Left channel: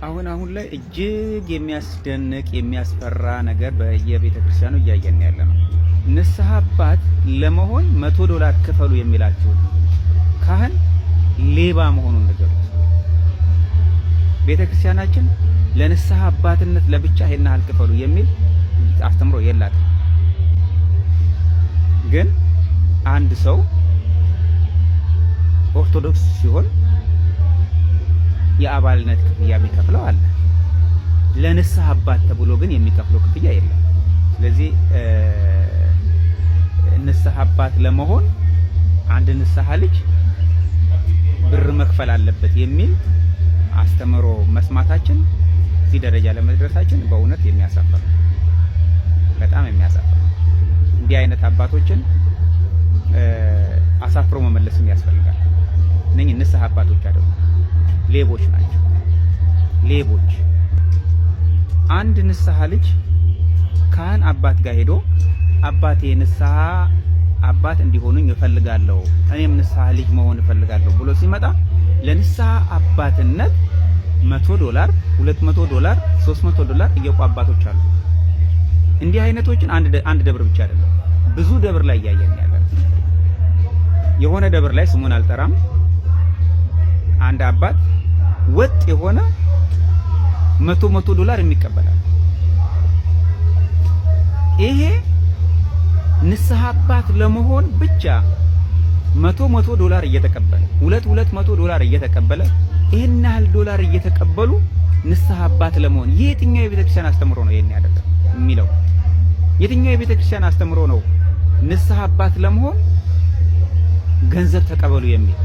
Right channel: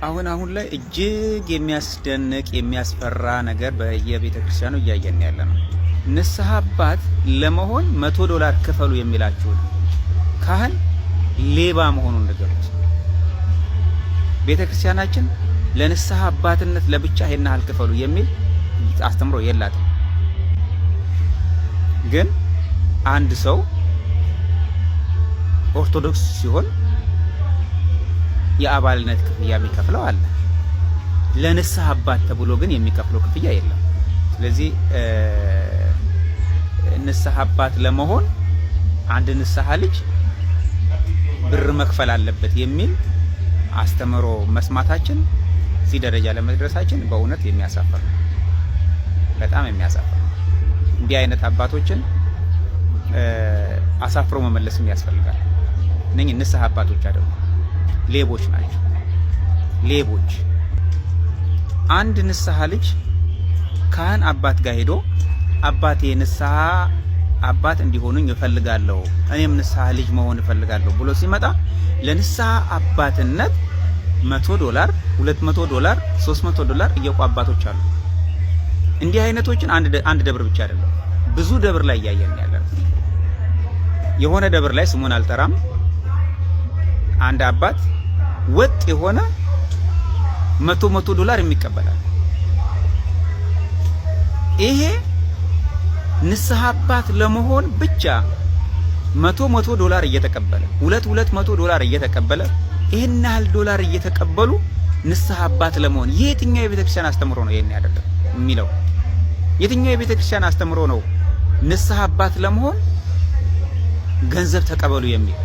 አሁን ላይ እጅግ የሚያስደንቅ የሚያስፈራ ነገር በየቤተ ክርስቲያኑ እያየን ያለ ነው። ንስሐ አባት ለመሆን $100 ክፈሉ የሚላችሁ ካህን ሌባ መሆኑን ንገሩት። ቤተ ክርስቲያናችን ለንስሐ አባትነት ለብቻ ይሄን ያህል ክፈሉ የሚል አስተምሮ የላትም። ግን አንድ ሰው ኦርቶዶክስ ሲሆን የአባልነት ክፍያ የሚከፍለው አለ። ለንስሐ አባት ተብሎ ግን የሚከፍለው ክፍያ የለም። ስለዚህ ንስሐ አባት ለመሆን አንድ ንስሐ ልጅ ብር መክፈል አለበት የሚል አስተምሮ መስማታችን እዚህ ደረጃ ለመድረሳችን በእውነት የሚያሳፍር ነው። በጣም የሚያሳፍር ነው። እንዲህ አይነት አባቶችን አሳፍሮ መመለስም ያስፈልጋል። እነኚህ ንስሐ አባቶች አይደሉም፣ ሌቦች ናቸው። ሌቦች። አንድ ንስሐ ልጅ ካህን አባት ጋር ሄዶ አባቴ ንስሐ አባት እንዲሆኑኝ እፈልጋለሁ፣ እኔም ንስሐ ልጅ መሆን እፈልጋለሁ ብሎ ሲመጣ ለንስሐ አባትነት $100፣ $200፣ $300 እየቆ አባቶች አሉ። እንዲህ አይነቶችን አንድ ደብር ብቻ አይደለም ብዙ ደብር ላይ እያየን ያለን። የሆነ ደብር ላይ ስሙን አልጠራም፣ አንድ አባት ወጥ የሆነ $100 የሚቀበላል። ይሄ ንስሐ አባት ለመሆን ብቻ $100 እየተቀበለ $200 እየተቀበለ ይሄን ያህል ዶላር እየተቀበሉ ንስሐ አባት ለመሆን የትኛው የቤተክርስቲያን አስተምሮ ነው ይሄን ያደረገው የሚለው? የትኛው የቤተክርስቲያን አስተምሮ ነው ንስሐ አባት ለመሆን ገንዘብ ተቀበሉ የሚል?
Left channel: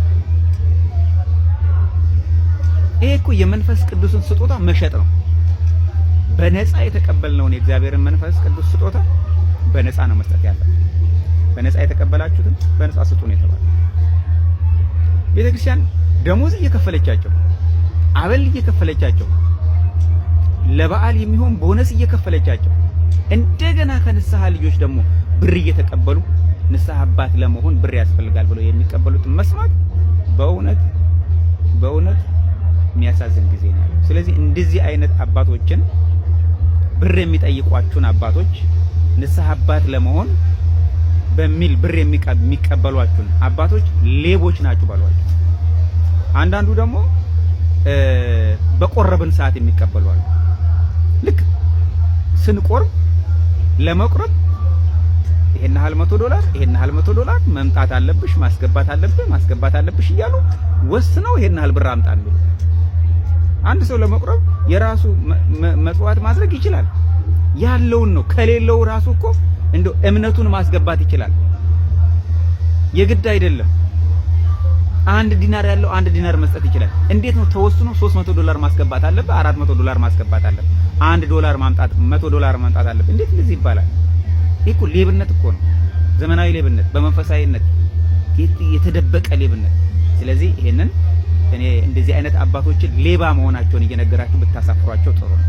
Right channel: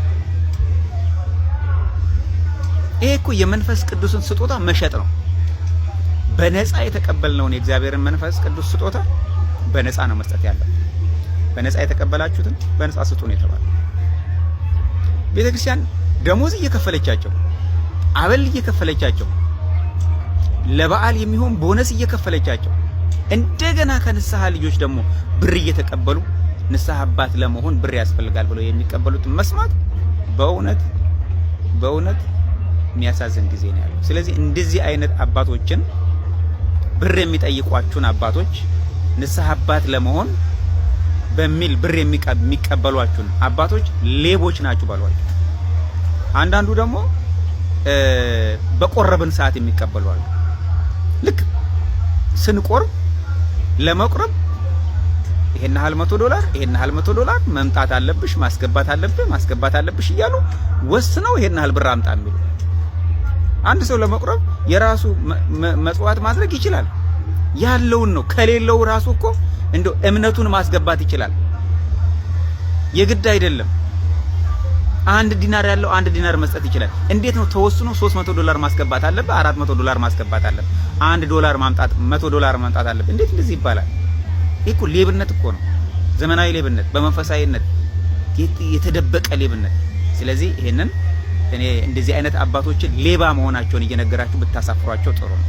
ይሄ እኮ የመንፈስ ቅዱስን ስጦታ መሸጥ ነው። በነፃ የተቀበልነውን የእግዚአብሔርን መንፈስ ቅዱስ ስጦታ በነፃ ነው መስጠት ያለው። በነፃ የተቀበላችሁትን በነፃ ስጡ ነው የተባለው። ቤተክርስቲያን ደሞዝ እየከፈለቻቸው፣ አበል እየከፈለቻቸው፣ ለበዓል የሚሆን ቦነስ እየከፈለቻቸው እንደገና ከንስሐ ልጆች ደግሞ ብር እየተቀበሉ ንስሐ አባት ለመሆን ብር ያስፈልጋል ብለው የሚቀበሉትን መስማት በእውነት የሚያሳዝን ጊዜ ነው ያለው። ስለዚህ እንደዚህ አይነት አባቶችን ብር የሚጠይቋችሁን አባቶች ንስሐ አባት ለመሆን በሚል ብር የሚቀበሏችሁን አባቶች ሌቦች ናችሁ ባሏቸው። አንዳንዱ ደግሞ በቆረብን ሰዓት የሚቀበሉ አሉ። ልክ ስንቆርብ ለመቁረብ ይሄን ያህል $100 መምጣት አለብሽ፣ ማስገባት አለብሽ እያሉ ወስነው ይሄን ያህል ብር አምጣ የሚሉ። አንድ ሰው ለመቁረብ የራሱ መጽዋዕት ማድረግ ይችላል። ያለውን ነው። ከሌለው ራሱ እኮ እንደው እምነቱን ማስገባት ይችላል። የግድ አይደለም። 1 ዲናር ያለው 1 ዲናር መስጠት ይችላል። እንዴት ነው ተወስኖ $300 ማስገባት አለበት፣ $400 ማስገባት አለበት፣ $1 ማምጣት $100 ማምጣት አለበት? እንዴት እንደዚህ ይባላል? ይሄ እኮ ሌብነት እኮ ነው። ዘመናዊ ሌብነት፣ በመንፈሳዊነት የተደበቀ ሌብነት። ስለዚህ ይሄንን እኔ እንደዚህ አይነት አባቶችን ሌባ መሆናቸውን እየነገራችሁ ብታሳፍሯቸው ጥሩ ነው።